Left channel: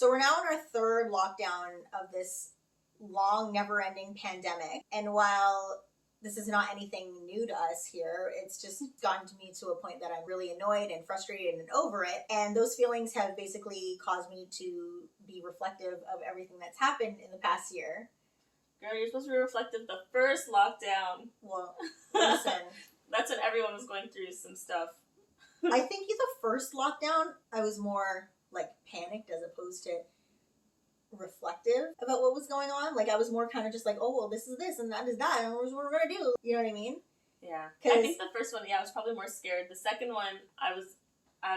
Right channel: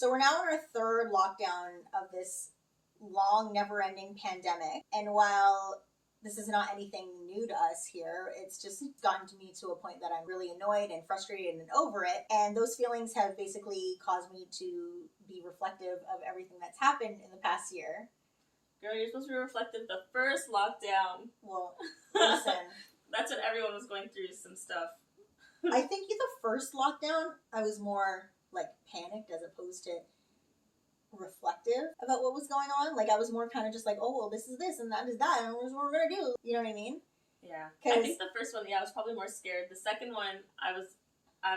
So we're now in our third lockdown of this long, never-ending pandemic. And while this is not anything new to us here, it's just gotten to me to a point that I'm really annoyed and frustrated and over it. And those feelings have basically caused me to be reflective of everything that's happened in the past year. Girl, you're supposed to be reflective the first lockdown. Well, listen. That's when everyone was going through some stuff. I think in the first lockdown, I was more like panicked as opposed to reflective about what was going on. Like I was more kind of just like, oh, well, this is this and that is that, and what we're gonna do. You know what I mean? Yeah. I think the first one, I was probably more scared. The second one, I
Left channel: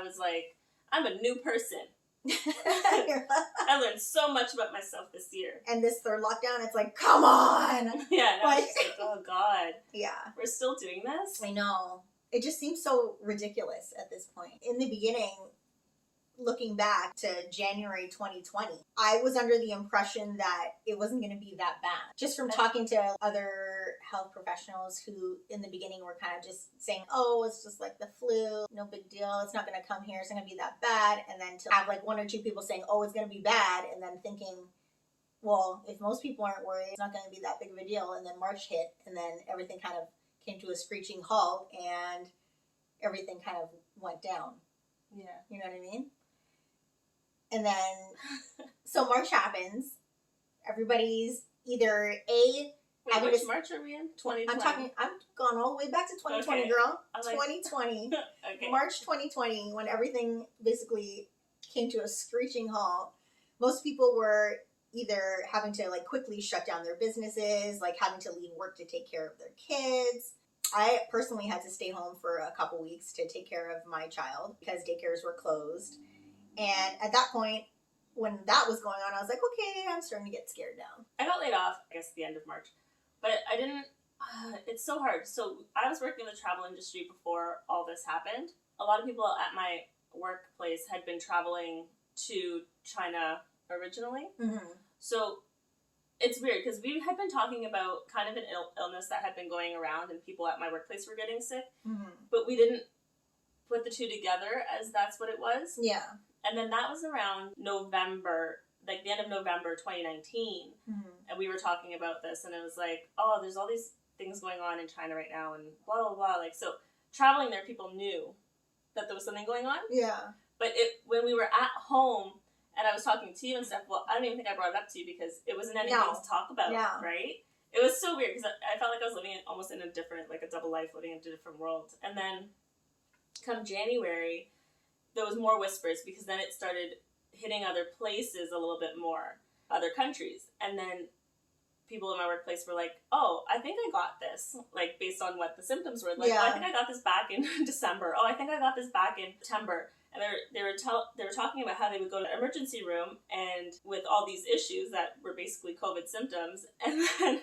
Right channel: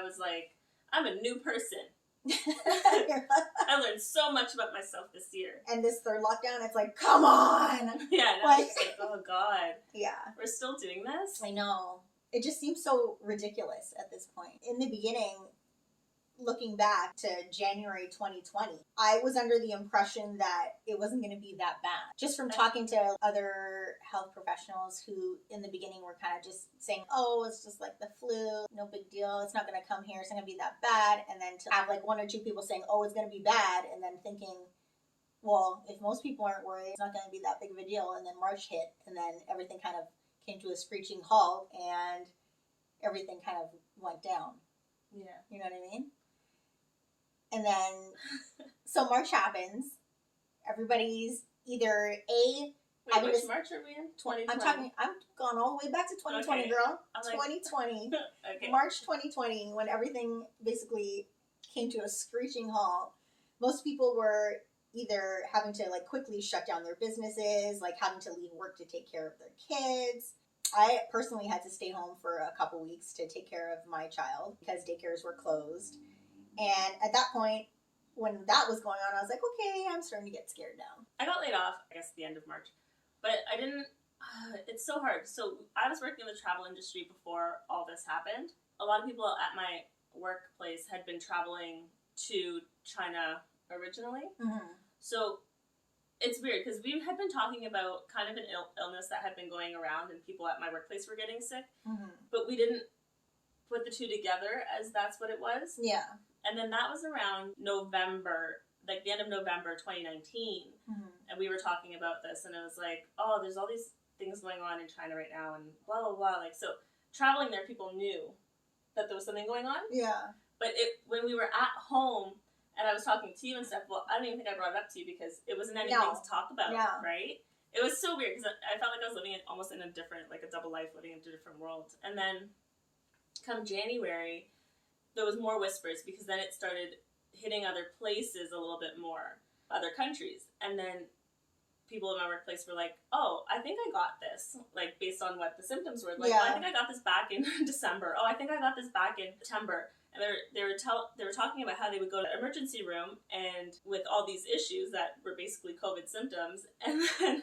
was like, I'm a new person. I learned so much about myself this year. And this third lockdown, it's like, come on! Yeah, and like, oh God. Yeah. We're still doing this? I know. It just seems so ridiculous at this point. In the beginning, looking back to January 2020, I was under the impression that it wasn't going to be that bad. Just from talking to other health professionals who in the beginning were kind of just saying, oh, it's just like the flu, no big deal, it's not going to come here, it's not going to be that bad. And then to have like one or two people saying, oh, it's going to be bad, and then thinking, well, if most people aren't worried, it's not going to be that big of a deal. And then March hit, and then everything kind of came to a screeching halt, and everything kind of went down. Yeah. You know what I mean? And then, so March happens. Everybody's either Wait, which March are we in? 2020. I've gone all the way back to 2020, okay. Girl. Like... 2020. Okay. March 2020, when everything basically came to a screeching halt. Most people were either having to like quickly shut down their businesses, like having to leave work to take care of their kids. I personally had to stay home for a couple weeks to take care of my child because daycares were closed. And at that point, when that was going on, I was like, okay, I'm starting to get scared now. I got laid off, I guess, at the end of March. But I didn't, it's so hard. So I was working in the travel industry before all this happened. A lot of people at my workplace had been traveling to China originally. Mm-hmm. So it's weird because we had been talking about kind of an illness that had been going around and people at my workplace were getting sick. Mm-hmm. But we didn't put the two together as that's what it was. Yeah. And then that was around November, like the end of November 2019. Mm-hmm. And we were talking about this, and it was like, oh, there's all these things going on in China right now, and blah, blah, blah. Like, so traveling there, people knew that there was something going on. Yeah. But when we were at home, and I was talking to you and stuff, well, I don't even think I brought it up to you because it wasn't anything to talk about, right? It was so weird because I felt like I was living almost in a different, like a double life, living in a different world. And then come January, there was more whispers because then it started hitting other places a little bit more, other countries. And then people in my workplace were like, oh, I think I got this, like based on what the symptoms were. Like, oh, I think I got this back in December. Oh, I think I got this back in September. And they were talking about how they would go to the emergency room and with all these issues that were basically COVID symptoms. And then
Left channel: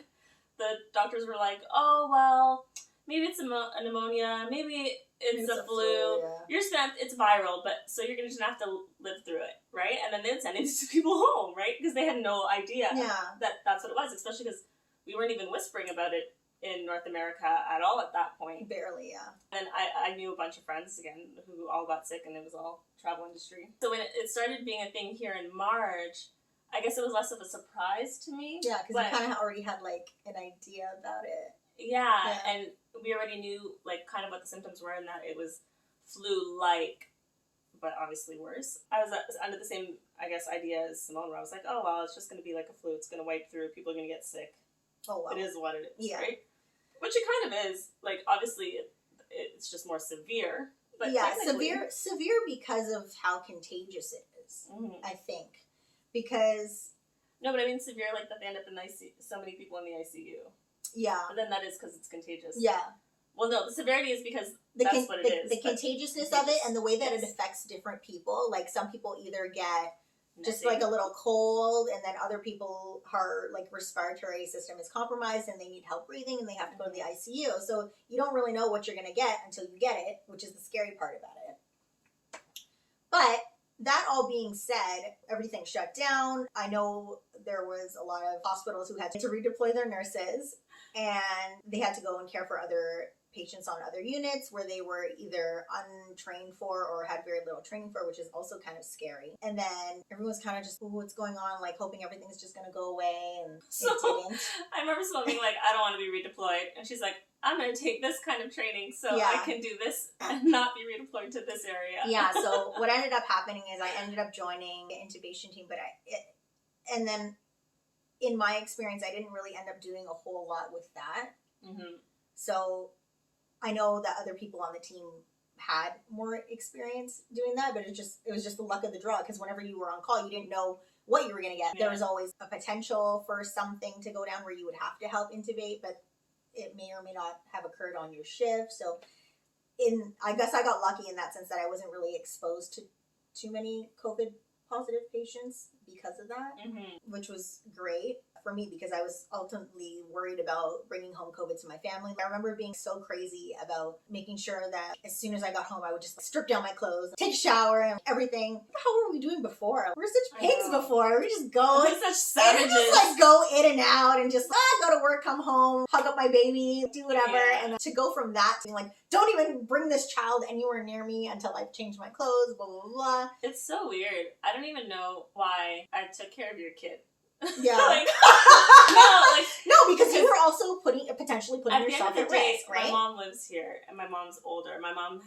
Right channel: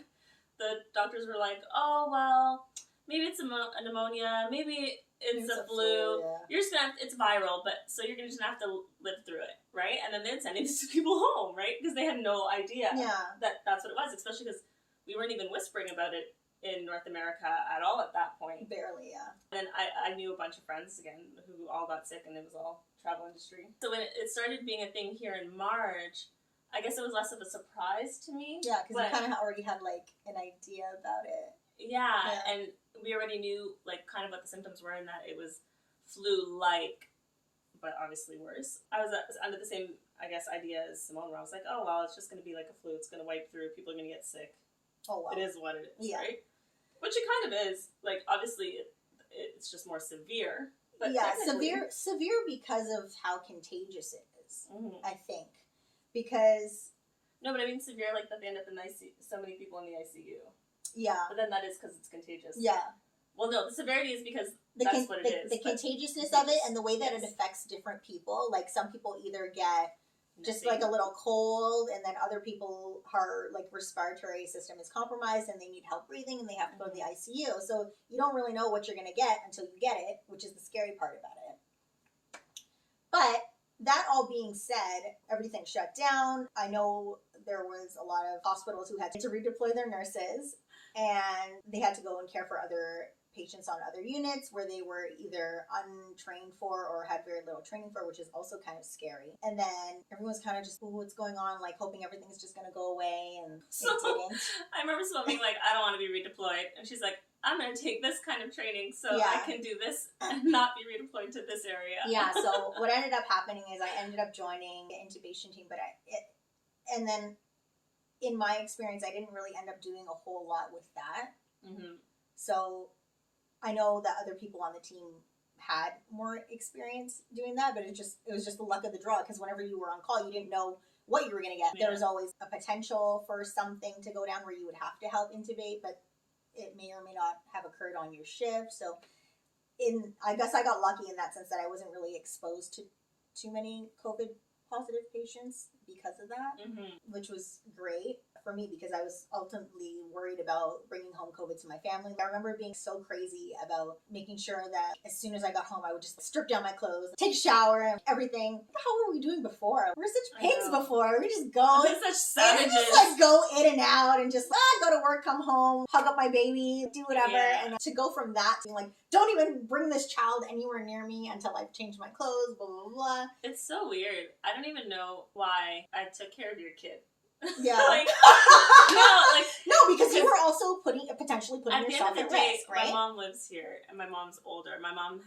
the doctors were like, oh, well, maybe it's a pneumonia, maybe it's a flu. Yeah. You're just gonna it's viral, but so you're just gonna have to live through it, right? And then they'd send these people home, right? Because they had no idea that that's what it was, especially because we weren't even whispering about it in North America at all at that point. Barely, yeah. And I knew a bunch of friends, again, who all got sick, and it was all travel industry. So when it started being a thing here in March, I guess it was less of a surprise to me. Yeah, because you kind of already had, like, an idea about it. Yeah, and we already knew, like, kind of what the symptoms were and that it was flu-like, but obviously worse. I was under the same, I guess, idea as Simone, where I was like, oh, well, it's just going to be like a flu. It's going to wipe through. People are going to get sick. Oh, wow. It is what it is, yeah. Right? Which it kind of is. Like, obviously, it's just more severe. But yeah, severe because of how contagious it is, I think. Because... No, but I mean severe, like that they end up in so many people in the ICU. Yeah. But then that is because it's contagious. Yeah. Well, no, the severity is because that's what it is. The contagiousness of it and the way that it affects different people. Like, some people either get just like a little cold, and then other people are, like, respiratory system is compromised and they need help breathing and they have to go to the ICU. So you don't really know what you're going to get until you get it, which is the scary part about it. But that all being said, everything shut down. I know there was a lot of hospitals who had to redeploy their nurses, and they had to go and care for other patients on other units where they were either untrained for or had very little training for, which is also kind of scary. And then everyone's kind of just, what's going on? Like hoping everything's just going to go away. And so, it didn't. I remember someone being like, I don't want to be redeployed. And she's like, I'm going to take this kind of training so I can do this and not be redeployed to this area. Yeah, so what ended up happening is I ended up joining the intubation team, and then in my experience, I didn't really end up doing a whole lot with that. Mm-hmm. So I know that other people on the team had more experience doing that, but it was just the luck of the draw, because whenever you were on call, you didn't know what you were going to get. Yeah. There was always a potential for something to go down where you would have to help intubate, but it may or may not have occurred on your shift. So I guess I got lucky in that sense that I wasn't really exposed to too many COVID positive patients because of that, which was great for me because I was ultimately worried about bringing home COVID to my family. I remember being so crazy about making sure that as soon as I got home, I would just strip down my clothes, take a shower and everything. How were we doing before? We were such pigs before. We just go. We're such savages. Just like go in and out and just go to work, come home, hug up my baby, do whatever. Yeah. And to go from that to like, don't even bring this child anywhere near me until I've changed my clothes, blah, blah, blah. It's so weird. I don't even know why I took care of your kid. Yeah. No, because you were also potentially putting yourself at risk, right? My mom lives here and my mom's older. My mom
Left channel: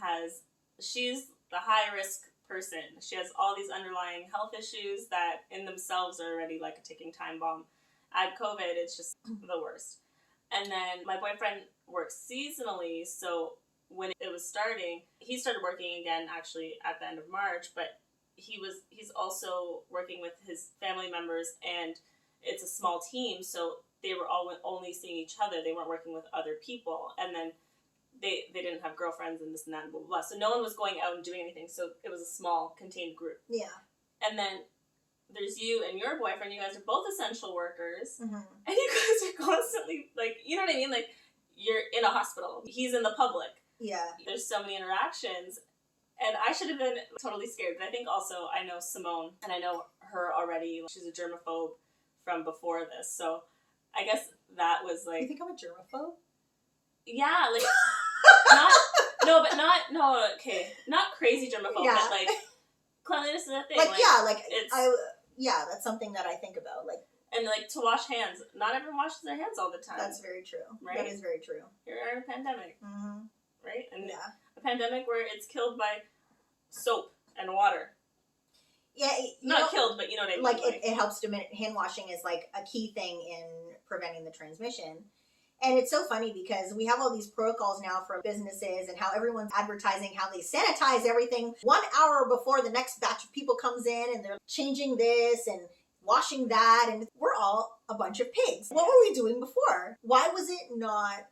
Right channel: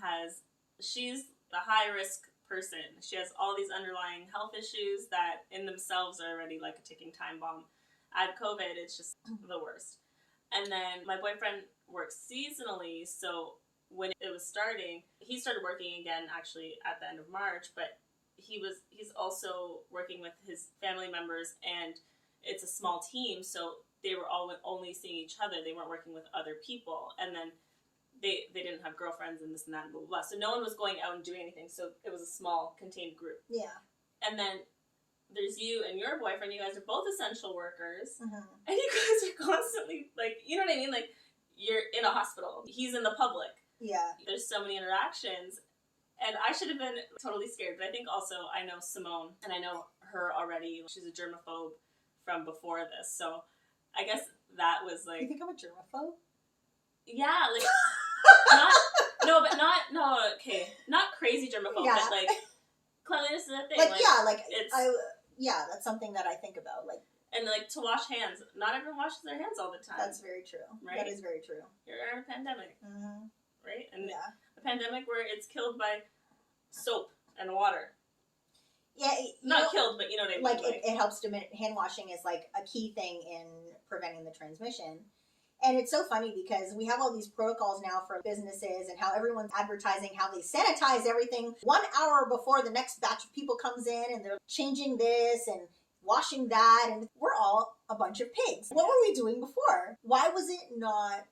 she's the high risk person. She has all these underlying health issues that in themselves are already like a ticking time bomb. Add COVID, it's just the worst. And then my boyfriend works seasonally, so when it was starting, he started working again actually at the end of March, but he's also working with his family members, and it's a small team, so they were all only seeing each other. They weren't working with other people, and then they didn't have girlfriends and this and that and blah, blah, blah. So no one was going out and doing anything, so it was a small, contained group. Yeah. And then there's you and your boyfriend. You guys are both essential workers, and you guys are constantly, like, you know what I mean? Like, you're in a hospital. He's in the public. Yeah. There's so many interactions. And I should have been totally scared, but I think also I know Simone, and I know her already. She's a germaphobe from before this, so I guess that was like... You think I'm a germaphobe? Yeah, like, not crazy germaphobe, but like, cleanliness is a thing. That's something that I think about, like... And like, to wash hands. Not everyone washes their hands all the time. That's very true. Right? That is very true. You're in a pandemic. Mm-hmm. Right? And a pandemic where it's killed by soap and water. Yeah, killed, but you know what I mean. Like it helps to hand washing is like a key thing in preventing the transmission. And it's so funny because we have all these protocols now for businesses and how everyone's advertising how they sanitize everything 1 hour before the next batch of people comes in, and they're changing this and washing that, and we're all a bunch of pigs. What were we doing before? Why was it not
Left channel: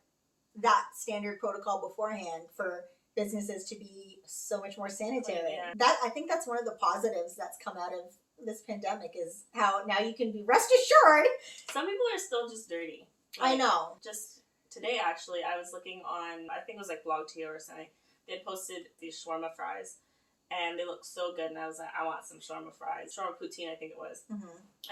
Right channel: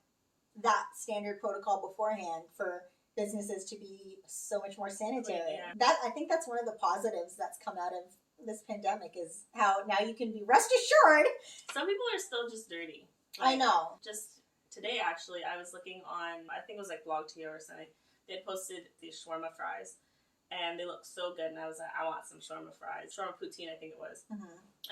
that standard protocol beforehand for businesses to be so much more sanitary? Yeah. I think that's one of the positives that's come out of this pandemic, is how now you can be rest assured. Some people are still just dirty. Like, I know. Just today, actually, I was looking on, I think it was like BlogTO or something. They had posted these shawarma fries, and they looked so good, and I was like, I want some shawarma fries. Shawarma poutine, I think it was.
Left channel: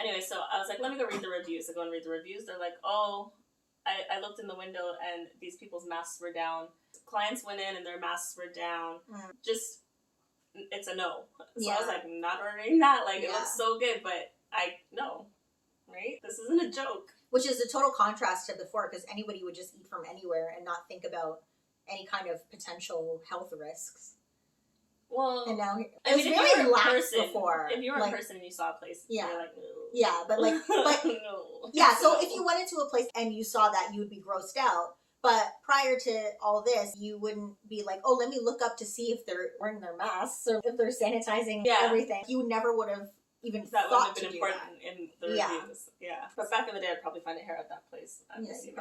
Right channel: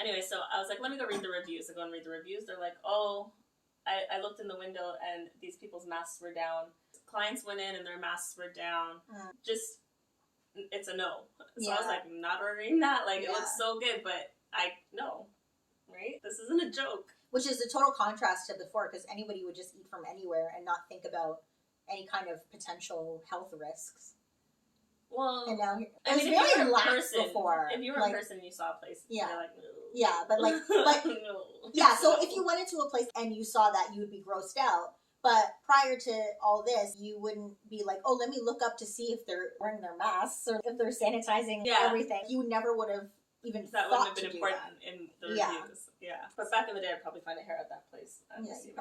Anyway, so I was like, let me go read the reviews. I go and read the reviews. They're like, I looked in the window and these people's masks were down. Clients went in and their masks were down. Just, it's a no. So I was like, not ordering that. Like, it looks so good, but no. Right? This isn't a joke. Which is a total contrast to before, because anybody would just eat from anywhere and not think about any kind of potential health risks. Well, and now if you were in person, before, if you were in person and you saw a place, you're like, no. Yeah, but no. Yeah, so if you went into a place and you saw that, you would be grossed out. But prior to all this, you wouldn't be like, oh, let me look up to see if they're wearing their masks or if they're sanitizing everything. You never would have even that thought would have been important in the reviews. Yeah. But back in the day, I'd probably find a hair at that place. I'm assuming.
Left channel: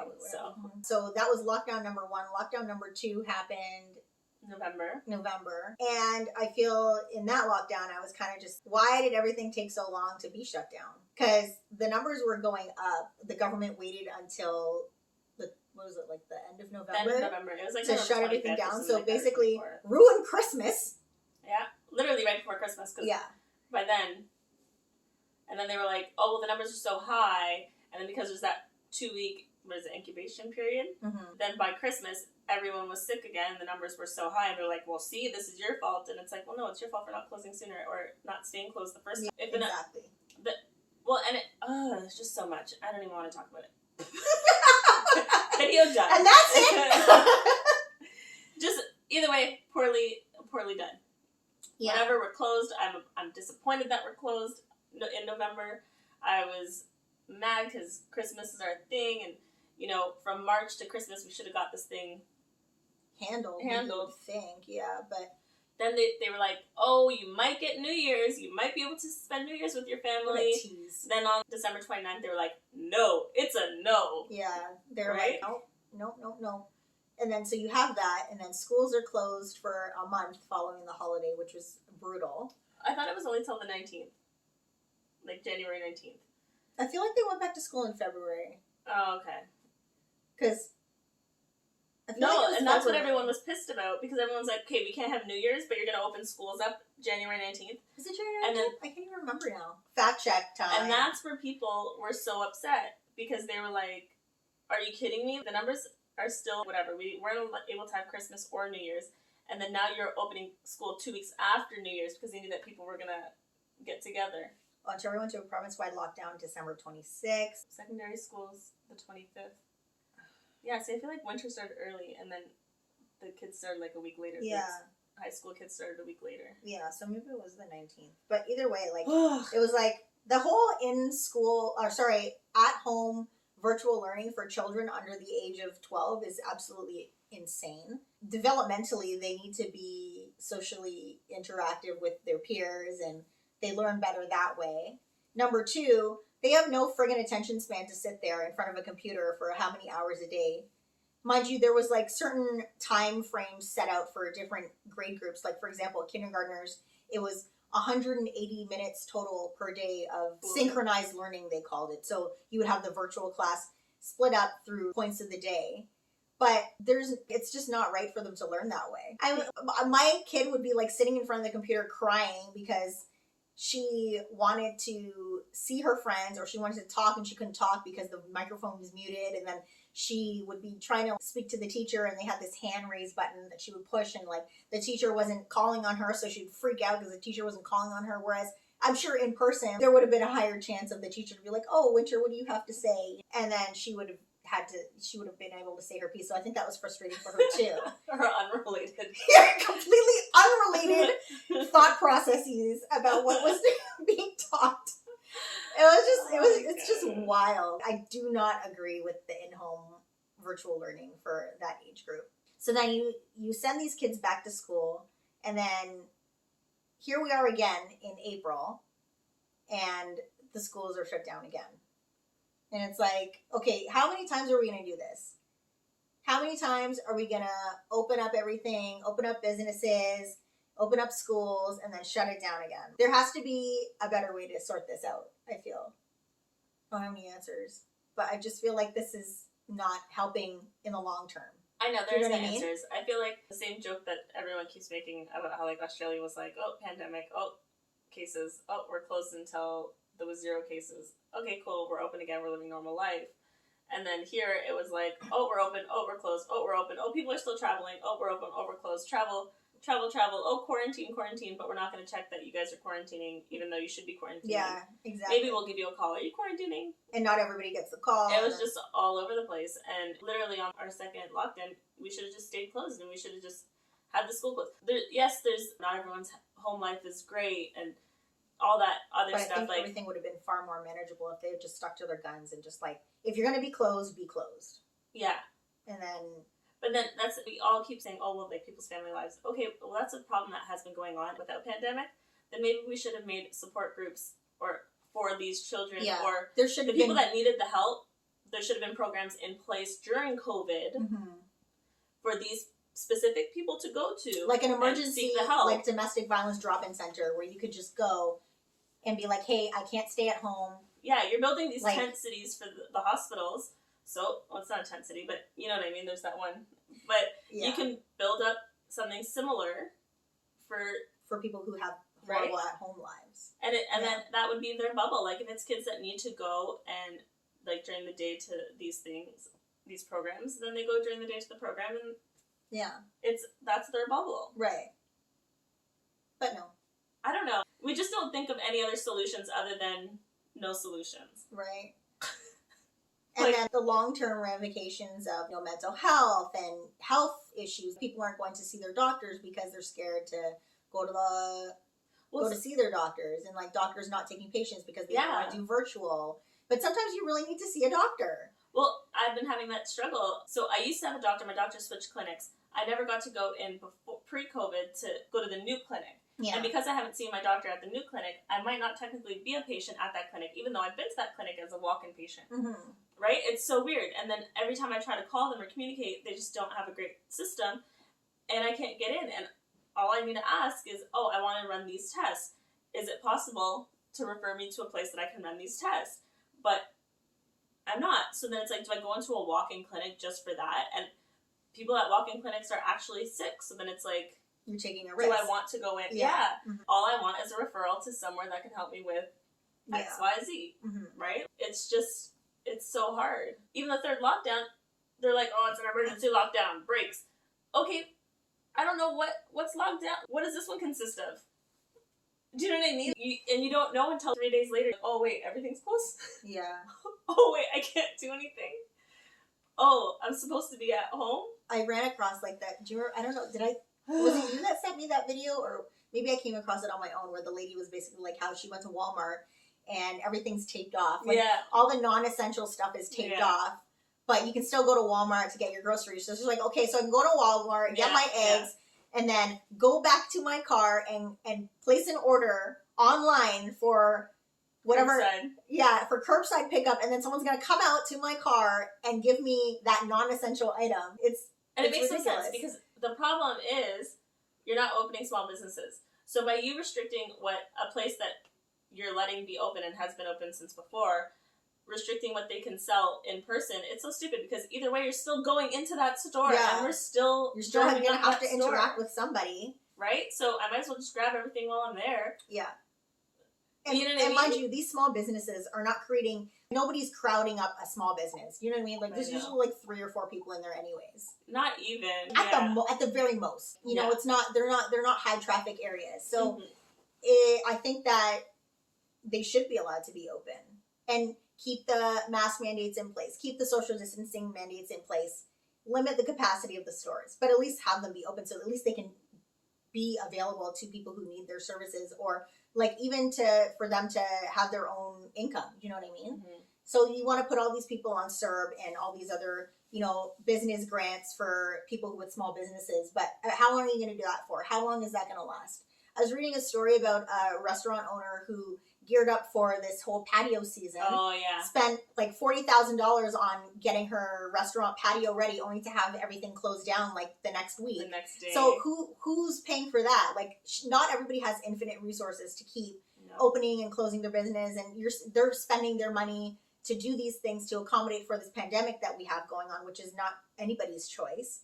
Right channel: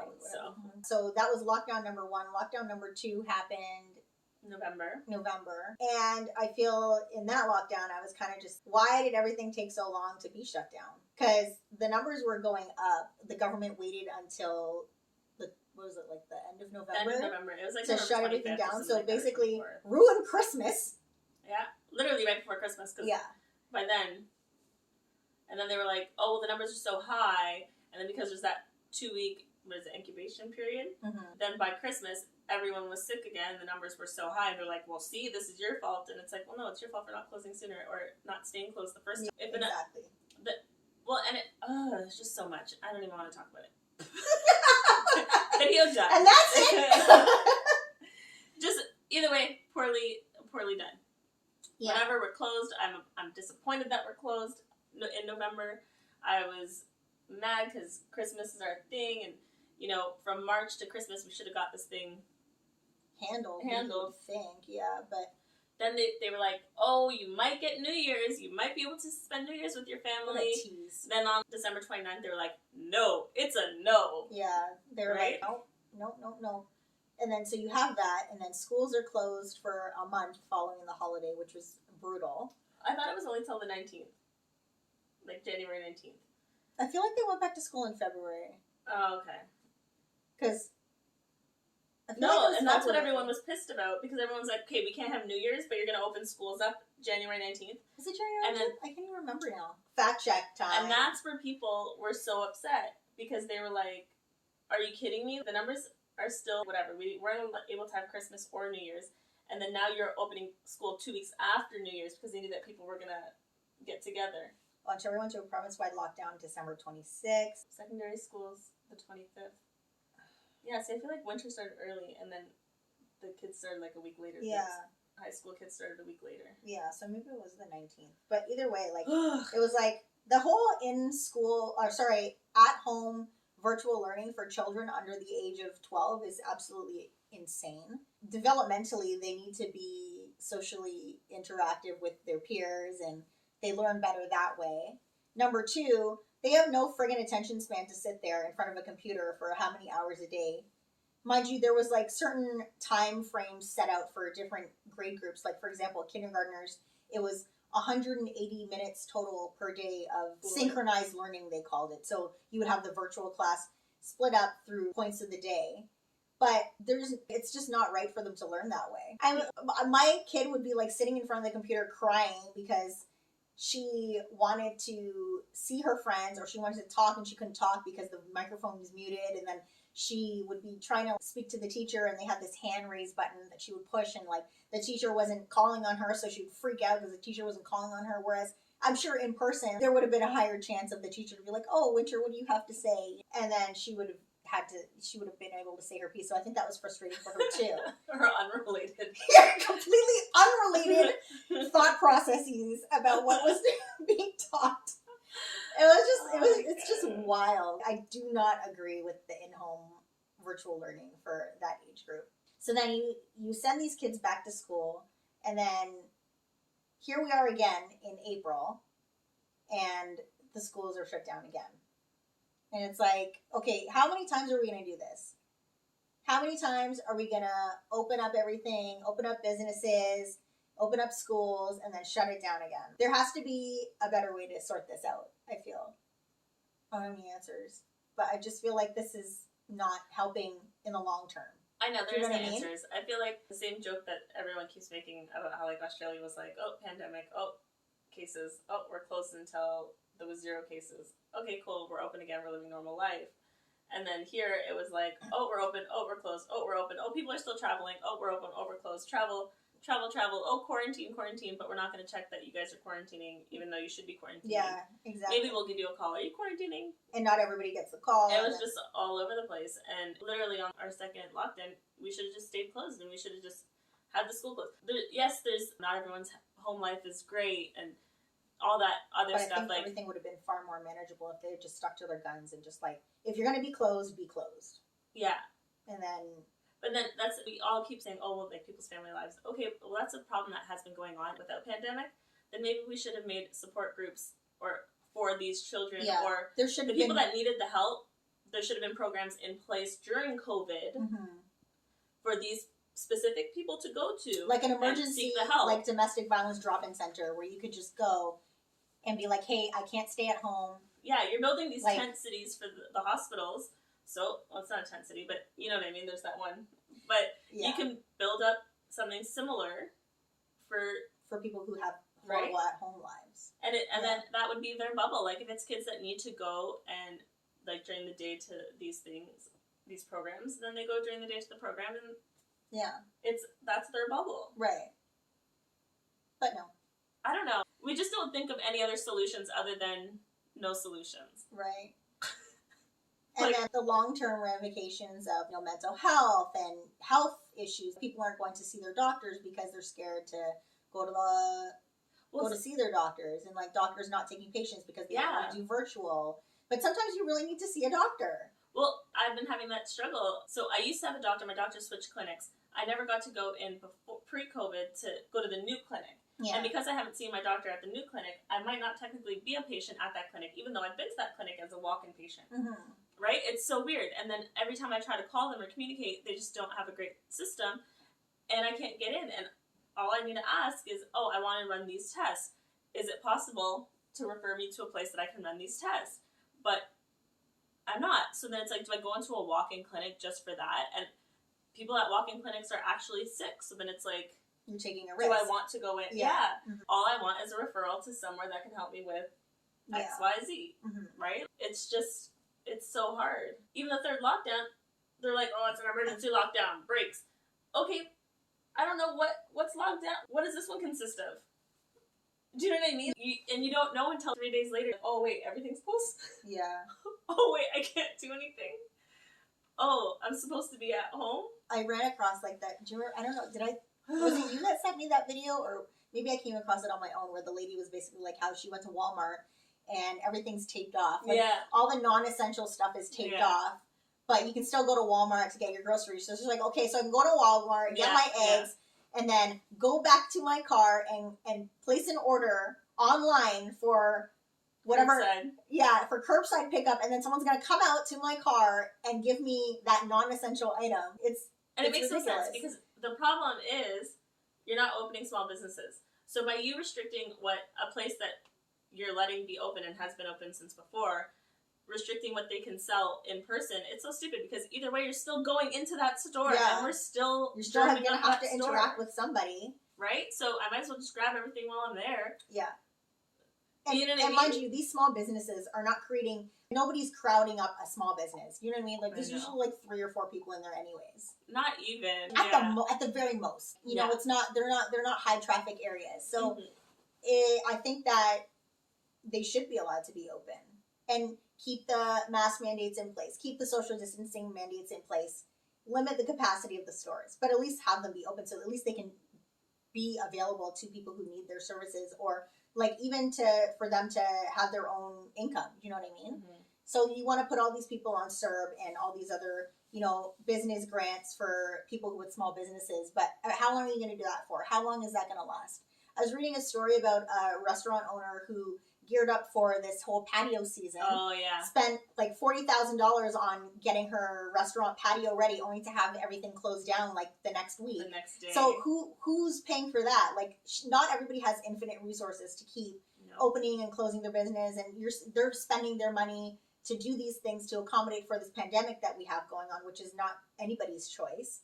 So that was lockdown number 1. Lockdown number 2 happened November. And I feel in that lockdown, I was kind of just, why did everything take so long to be shut down? Because the numbers were going up. The government waited until the end of November? It was like to shut everything down. So basically, ruin Christmas. Yeah. Literally right before Christmas. By then, and then they were like, oh, well, the numbers are so high. And then because there's that 2-week was the incubation period. Mm-hmm. Then by Christmas, everyone was sick again. The numbers were so high, and they're like, well, see, this is your fault. And it's like, well, no, it's your fault for not closing sooner or not staying closed the first time. Exactly. It's just so much. I don't even want to talk about it. Video done. And that's it. Just, either way, poorly done. Yeah. Whenever we're closed, I'm disappointed that we're closed in November. I was mad because Christmas is our thing, and from March to Christmas we should have got this thing handled. I think, yeah, but then they were like, oh, you might get New Year's, you might be able to spend New Year's with your family. Then on December 29th, they were like, no, it's a no. Yeah, they were right? like, no. And then so you have that, and then schools are closed for a month following the holiday, which was brutal. I thought it was only till the 19th, like January 19th. I feel like they went back to school in February. Oh, okay. Because and that's what everyone was pissed about, because everyone's like, okay, we can't have New Year's, but you're going to open schools up January 19th. Is it January 19th? I can't even remember now. Fact check time. And that's where people were so upset, because they were like, are you kidding me? The numbers are still whatever. We weren't able to have Christmas or New Year's, and then now you're opening school 2 weeks after New Year's because they knew that people were going to get together. Ontario went to a province-wide lockdown December 26th. Secondary schools, the 25th. Yeah, so I feel like winter started early, and then the kids started like a week later. Yeah. High school kids started a week later. Yeah, so maybe it was the 19th. But either way, like, it was like the whole at-home virtual learning for children under the age of 12 is absolutely insane. Developmentally, they need to be socially interactive with their peers, and they learn better that way. Number two, they have no friggin' attention span to sit there in front of a computer for how many hours a day. Mind you, there was like certain time frames set out for different grade groups. Like, for example, kindergartners, it was 180 minutes total per day of synchronized learning, they called it. So you would have the virtual class split up through points of the day. But it's just not right for them to learn that way. My kid would be like sitting in front of the computer crying because she wanted to see her friends, or she wanted to talk and she couldn't talk because the microphone was muted, and then she would be trying to speak to the teacher, and they had this hand raise button that she would push, and like the teacher wasn't calling on her, so she'd freak out because the teacher wasn't calling on her. Whereas I'm sure in person there would have been a higher chance of the teacher to be like, oh, Winter, what do you have to say? And then she would have been able to say her piece. So I think that was frustrating for her too. Or unrelated. Completely unrelated thought processes about what was being taught. It's just wild. I do not agree with the in-home virtual learning for that age group. So then you send these kids back to school, and then here we are again in April, and the schools are shut down again. And it's like, okay, how many times are we going to do this? How many times are we going to open up everything, open up businesses, open up schools, and then shut it down again? There has to be a better way to sort this out, I feel. I don't have any answers. But I just feel like this is not helping in the long term. I know, there's no answers. I feel like the same joke that everyone keeps making about how like Australia was like, oh, pandemic, oh, cases, oh, we're closed until there was 0 cases. Okay, cool, we're open again, we're living normal life. And then here it was like, oh, we're open, oh, we're closed, oh, we're open, oh, people are still traveling, oh, we're open, oh, we're closed, travel, oh, quarantine, but we're not going to check that you guys are quarantining, even though you should be quarantining. Yeah, exactly. Maybe we'll give you a call, are you quarantining? And not everybody gets the call. It was just all over the place, and literally on our second lockdown, we should have just stayed closed, and we should have just had the school closed. There's not everyone's home life is great, and all that other stuff. I think everything would have been far more manageable if they had just stuck to their guns and just like, if you're going to be closed, be closed. Yeah. And then... But then we all keep saying, oh, well, like people's family lives. Okay, well, that's a problem that has been going on without pandemic. Then maybe we should have made support groups for these children, or there should have the people that needed the help. There should have been programs in place during COVID for these specific people to go to, like an emergency, like domestic violence drop-in center, where you could just go and be like, hey, I can't stay at home. Yeah, you're building these tent cities for the hospitals. So, well, it's not a tent city, but you know what I mean? There's that one. But you can build up something similar for people who have horrible at-home lives. And then that would be their bubble. Like, if it's kids that need to go and, like, during the day to these things, these programs, then they go during the day to the program, and that's their bubble. Right. But no. I don't know. We just don't think of any other solutions other than no solutions. Right. And then the long-term ramifications of mental health and health issues. People aren't going to see their doctors because they're scared to go to see their doctors, and like doctors not taking patients because they don't want to do virtual. But sometimes you really need to see a doctor. Well, I've been having that struggle. So I used to have a doctor. My doctor switched clinics. I never got to go in pre-COVID to go to the new clinic. Yeah. And because I haven't seen my doctor at the new clinic, I might not technically be a patient at that clinic, even though I've been to that clinic as a walk-in patient. Mm-hmm. Right? It's so weird. And then every time I try to call them or communicate, they just don't have a great system, and I can't get in. And all I need to ask is, I want to run these tests. Is it possible to refer me to a place that I can run these tests? But I'm not. So then it's like, do I go into a walk-in clinic just for that? And people at walk-in clinics are actually sick. So then it's like, you're taking a risk. Do I want to go in? Yeah. Mm-hmm. All I want is a referral to somewhere that can help me with X, Y, Z. Mm-hmm. Right? It's so hard. Even the third lockdown, they're like, it's an emergency lockdown. Breaks. Okay, I don't know what's locked down. What does this one consist of? Do you know what I mean? You don't know until 3 days later. Oh, wait, everything's closed? Yeah. Oh, wait, I can't do anything? Oh, I'm supposed to be at home? I ran across like that. Do you remember? I don't know. Was it you that sent me that video? Or maybe I came across it on my own, where the lady was basically like how she went to Walmart and everything's taped off. Like, all the non-essential stuff is taped off, but you can still go to Walmart to get your groceries. So she's like, okay, so I can go to Walmart, get my eggs, and then go back to my car and place an order online for whatever. Curbside. For curbside pickup, and then someone's going to come out to my car and give me that non-essential item. It makes no sense, because the problem is you're not opening small businesses. So by you restricting a place that you're letting be open and has been open since before, restricting what they can sell in person, it's so stupid, because either way you're still going into that store, and you're still going to have to interact with somebody, right? So I might as well just grab everything while I'm there. Yeah. And, you know what I mean? Mind you, these small businesses are not nobody's crowding up a small business. You know what I mean? Like, there's usually like 3 or 4 people in there anyways. Not even. At the very most. You know, it's not, they're not high traffic areas. So I think that they should be allowed to be open and keep the mask mandates in place, keep the social distancing mandates in place, limit the capacity of the stores, but at least have them be open so at least they can be available to people who need their services, or like even for them to have their own income. You know what I mean? Mm-hmm. So you want to put all these people on CERB and all these other, business grants for people with small businesses, but how long are you going to do that for? How long is that going to last? I was reading a story about a restaurant owner who geared up for this whole patio season. Oh, yeah. Spent like $40,000 on getting her restaurant patio ready, only to have everything closed down like the next week. The next day. So who's paying for that? Like, not everybody has infinite resources to keep opening and closing their business, and they're spending their money to do these things to accommodate for this pandemic that we have going on, which is not anybody's choice.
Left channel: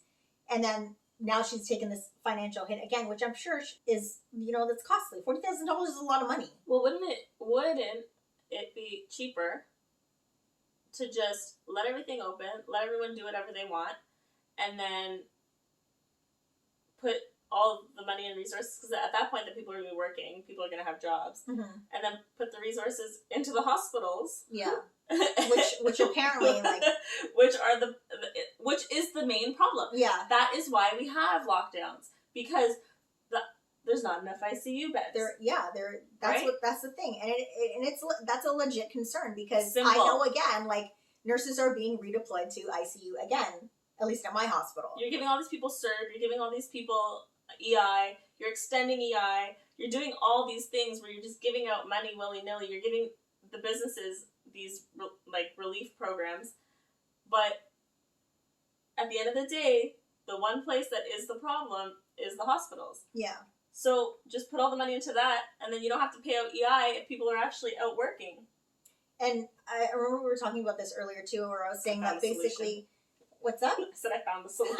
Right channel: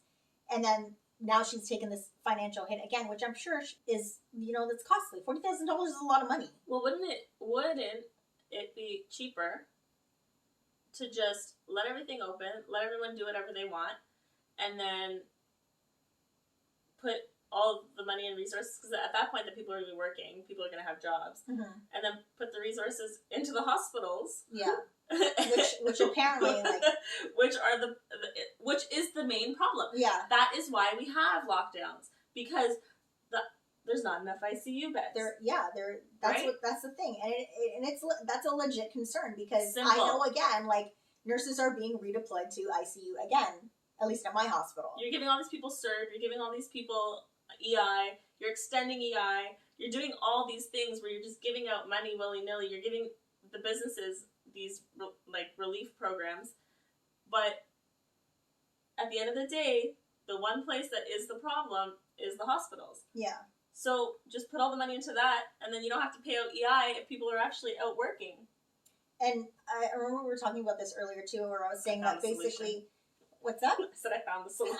And then now she's taken this financial hit again, which I'm sure is, that's costly. $40,000 is a lot of money. Well, wouldn't it be cheaper to just let everything open, let everyone do whatever they want, and then put all of the money and resources, because at that point the people are going to be working, people are going to have jobs, and then put the resources into the hospitals. Yeah. which apparently which is the main problem. Yeah. That is why we have lockdowns, because there's not enough ICU beds. That's the thing, and that's a legit concern, because I know, again, like, nurses are being redeployed to ICU again, at least at my hospital. You're giving all these people CERB, you're giving all these people EI, you're extending EI, you're doing all these things where you're just giving out money willy-nilly, you're giving the businesses these relief programs, but at the end of the day, the one place that is the problem is the hospitals. Yeah. So just put all the money into that, and then you don't have to pay out EI if people are actually out working. And I remember we were talking about this earlier too, where I was saying that basically, what's that? I said I found the solution.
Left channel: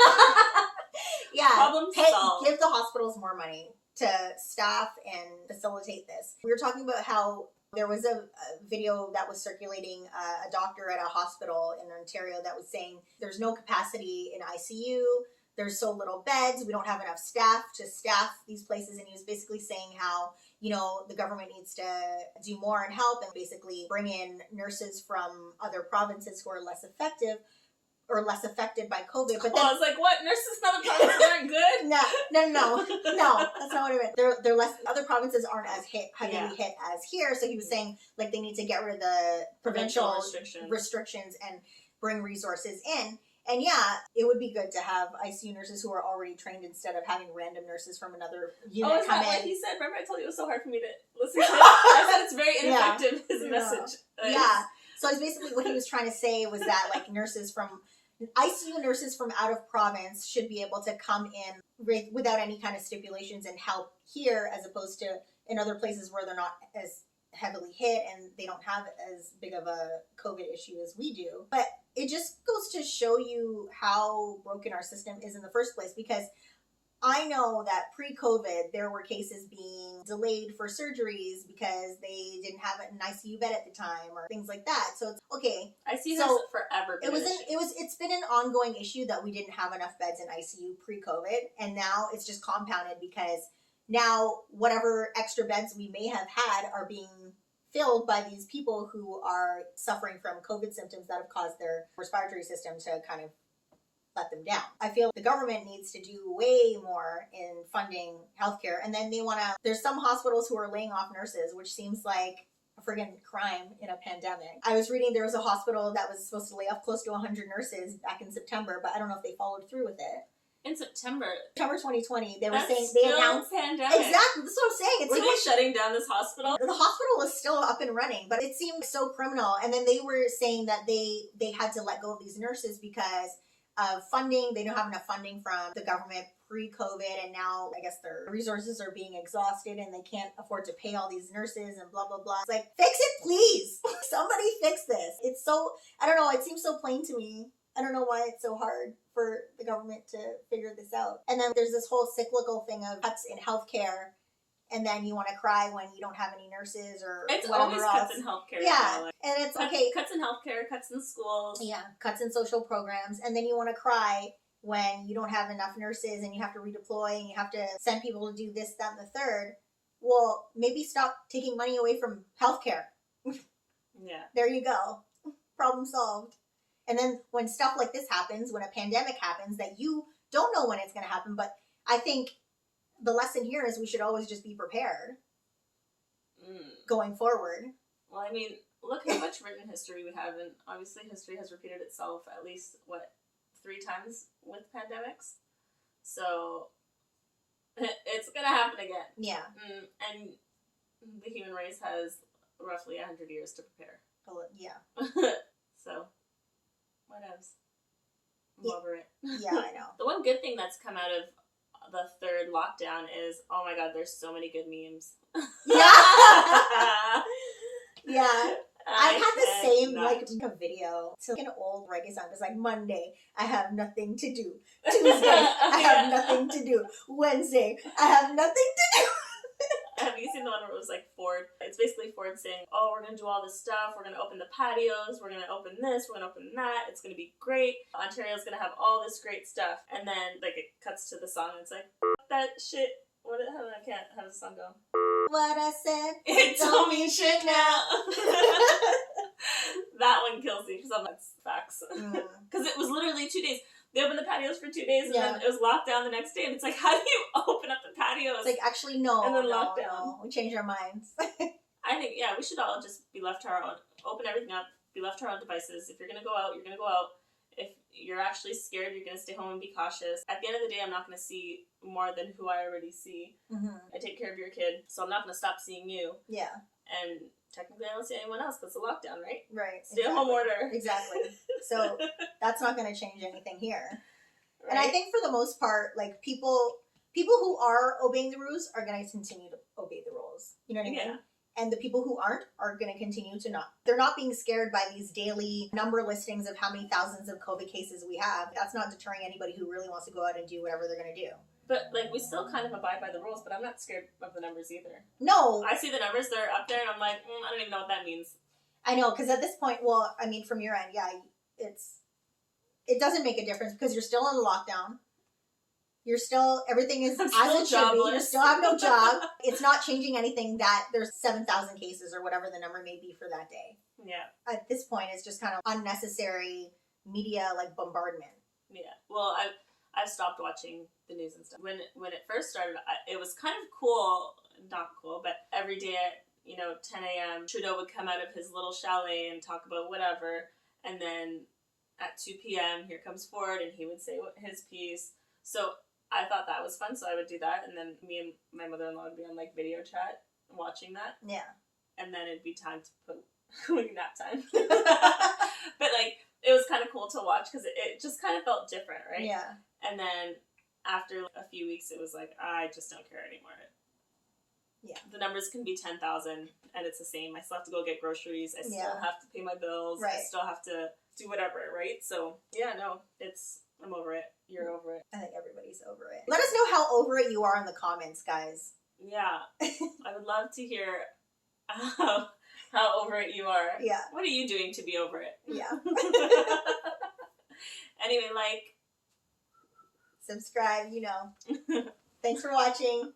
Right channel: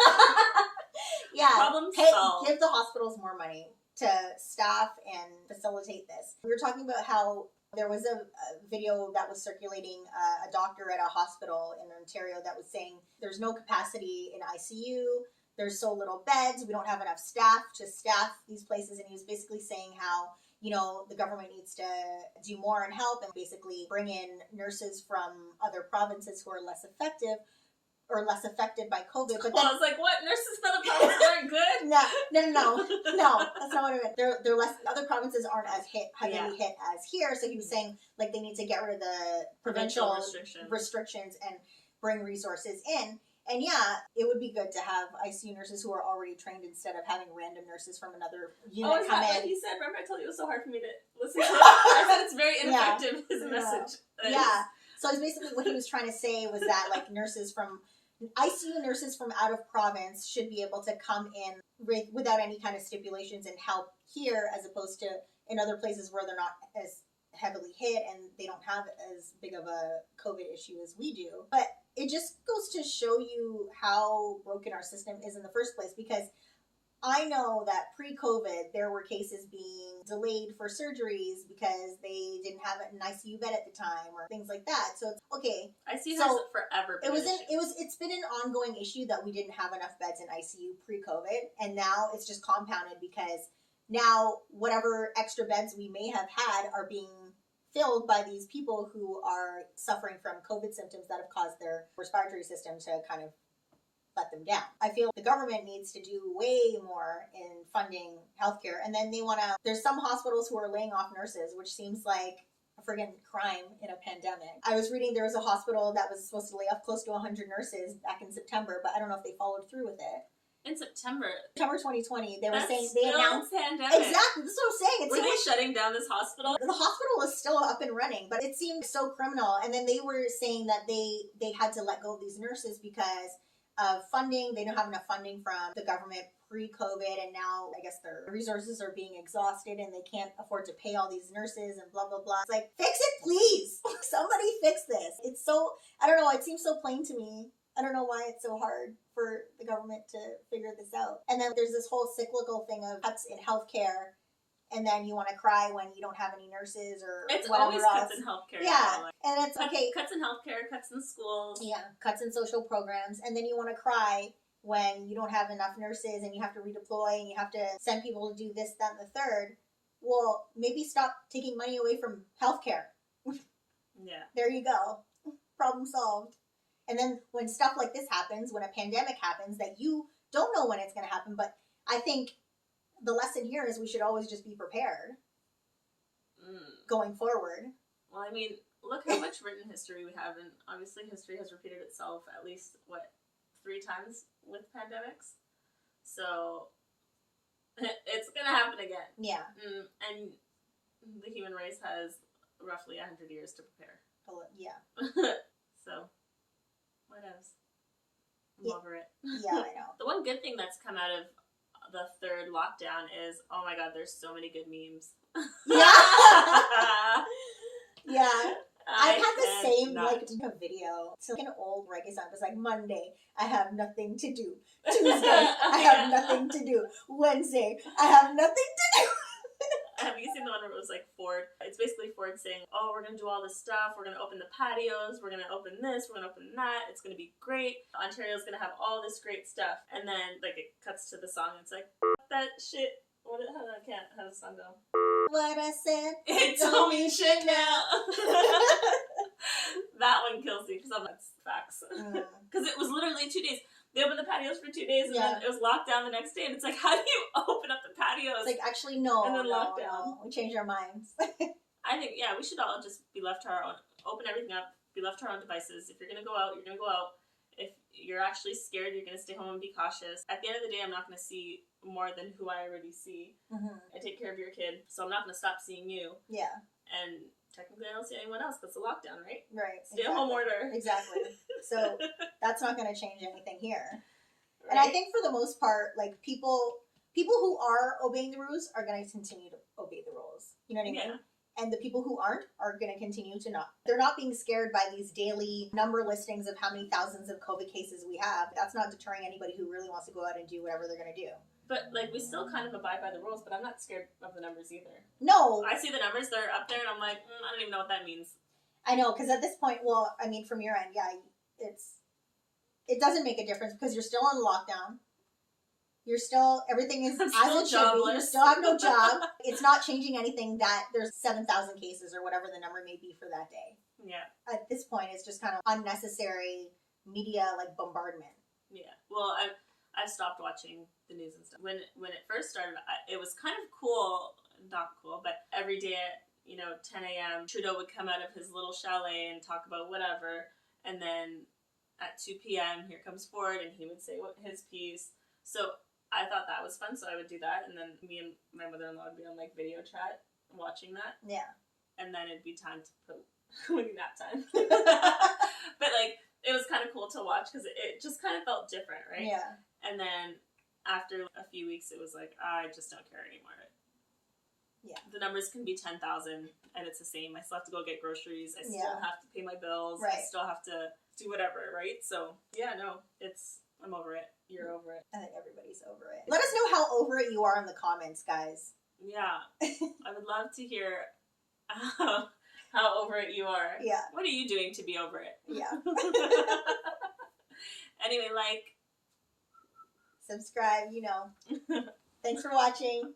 Yeah. Problem solved. Give the hospitals more money to staff and facilitate this. We were talking about how There was a video that was circulating, a doctor at a hospital in Ontario that was saying there's no capacity in ICU, there's so little beds, we don't have enough staff to staff these places, and he was basically saying how, you know, the government needs to do more and help and basically bring in nurses from other provinces who are less effective or less affected by COVID. But then, I was like, what? Nurses from other provinces aren't good? No, that's not what I meant. They're less. Other provinces aren't as heavily hit as here. So he was saying like they need to get rid of the provincial restrictions and bring resources in. And yeah, it would be good to have ICU nurses who are already trained instead of having random nurses from another unit is come that in. what he said? Remember I told you it was so hard for me to listen to it? I said it's very ineffective, his message. Yeah. So it's basically what he was trying to say was that like ICU nurses from out of province should be able to come in without any kind of stipulations and help here, as opposed to in other places where they're not as heavily hit and they don't have as big of a COVID issue as we do. But it just goes to show you how broken our system is in the first place, because I know that pre-COVID there were cases being delayed for surgeries because they didn't have an ICU bed at the time or things like that. So it's okay. ICU has forever been it's been an ongoing issue that we didn't have enough beds in ICU pre-COVID, and now it's just compounded because now whatever extra beds we may have had are being filled by these people who are suffering from COVID symptoms that have caused their respiratory system to kind of let them down. I feel the government needs to do way more in funding healthcare. And then there's some hospitals who are laying off nurses, which seems like a friggin' crime in a pandemic. I was reading there was a hospital that was supposed to lay off close to 100 nurses back in September, but I don't know if they followed through with it. In September 2020, they were saying they announced pandemic. Exactly, that's what I'm saying. Were they shutting down this hospital? The hospital was still up and running, but it seemed so criminal. And then they were saying that they had to let go of these nurses because of funding. They don't have enough funding from the government pre-COVID, and now I guess their resources are being exhausted and they can't afford to pay all these nurses and blah blah blah. It's like, fix it please. Somebody fix this. It's so, I don't know, it seems so plain to me. I don't know why it's so hard for the government to figure this out. And then there's this whole cyclical thing of cuts in healthcare, and then you want to cry when you don't have any nurses or it's whatever always else. Cuts in healthcare. Yeah, and it's okay. Cuts in healthcare, cuts in schools. Yeah, cuts in social programs, and then you want to cry when you don't have enough nurses and you have to redeploy and you have to send people to do this, that, and the third. Well, maybe stop taking money away from healthcare. Yeah. There you go. Problem solved. And then when stuff like this happens, when a pandemic happens that you don't know when it's going to happen, but I think the lesson here is we should always just be prepared going forward. Well, I mean, look how much written history we have, and obviously history has repeated itself at least, 3 times with pandemics? So it's going to happen again. Yeah. And the human race has roughly 100 years to prepare. Yeah. So... what else? I'm over it. Yeah, I know. The one good thing that's come out of the 3rd lockdown is, oh my god, there's so many good memes. Yeah! Yeah. I had the same, a video. It's like an old reggae song. It's like, Monday, I have nothing to do. Tuesday, I have nothing to do. Wednesday, I have nothing to do. Have you seen the one where it was like Ford? It's basically Ford saying, oh, we're going to do all this stuff. We're going to open the patios. We're going to open this. We're going to open that. It's going to be great. Ontario's going to have all this great stuff. And then, it cuts to the song and it's like, that shit. How does the song go? What I said. It don't mean shit now. That one kills me because that's facts. Because it was literally 2 days. They opened the patios for 2 days, and then it was locked down the next day. And it's like, how do you open up the patios? It's like, actually, no. And then lockdown. No. We changed our minds. I think, we should all just be left to our own. Open everything up. Be left to our own devices. If you're going to go out, you're going to go out. If you're actually scared, you're going to stay home and be cautious. At the end of the day, I'm not going to see more than who I already see. Mm-hmm. I take care of your kid, so I'm not going to stop seeing you. Yeah. And technically, I don't see anyone else because it's a lockdown, right? Right. Stay-at-home order. Exactly. So that's not going to change anything here. Right? And I think for the most part, people who are obeying the rules are going to continue to obey the rules. You know what I mean? And the people who aren't are going to continue to not. They're not being scared by these daily number listings of how many thousands of COVID cases we have. That's not deterring anybody who really wants to go out and do whatever they're going to do. But, like, we still kind of abide by the rules, but I'm not scared of the numbers either. No. I see the numbers, they're up there, and I'm like, I don't even know what that means. I know, because at this point, well, I mean, from your end, yeah, it doesn't make a difference because you're still in lockdown. You're still, everything is as it should be. You still have no job. It's not changing anything that there's 7,000 cases or whatever the number may be for that day. Yeah. At this point, it's just kind of unnecessary media, like, bombardment. Yeah. Well, I've stopped watching the news and stuff. When it first started, it was kind of cool, not cool, but every day at, 10 a.m., Trudeau would come out of his little chalet and talk about whatever, and then at 2 p.m., here comes Ford, and he would say his piece. So I thought that was fun, so I would do that, and then me and my mother-in-law would be on, like, video chat watching that. Yeah. And then it'd be time to put, like, nap time. But, like, it was kind of cool to watch, because it just kind of felt different, right? Yeah. And then after a few weeks, it was like, I just don't care anymore. Yeah. The numbers can be 10,000, and it's the same. I still have to go get groceries. I still Yeah. have to pay my bills. Right. I still have to do whatever, right? So, yeah, no, I'm over it. You're over it. I think everybody's over it. Let us know how over it you are in the comments, guys. Yeah. I would love to hear how over it you are. Yeah. What are you doing to be over it? Yeah. Anyway, like, subscribe, Thanks for watching.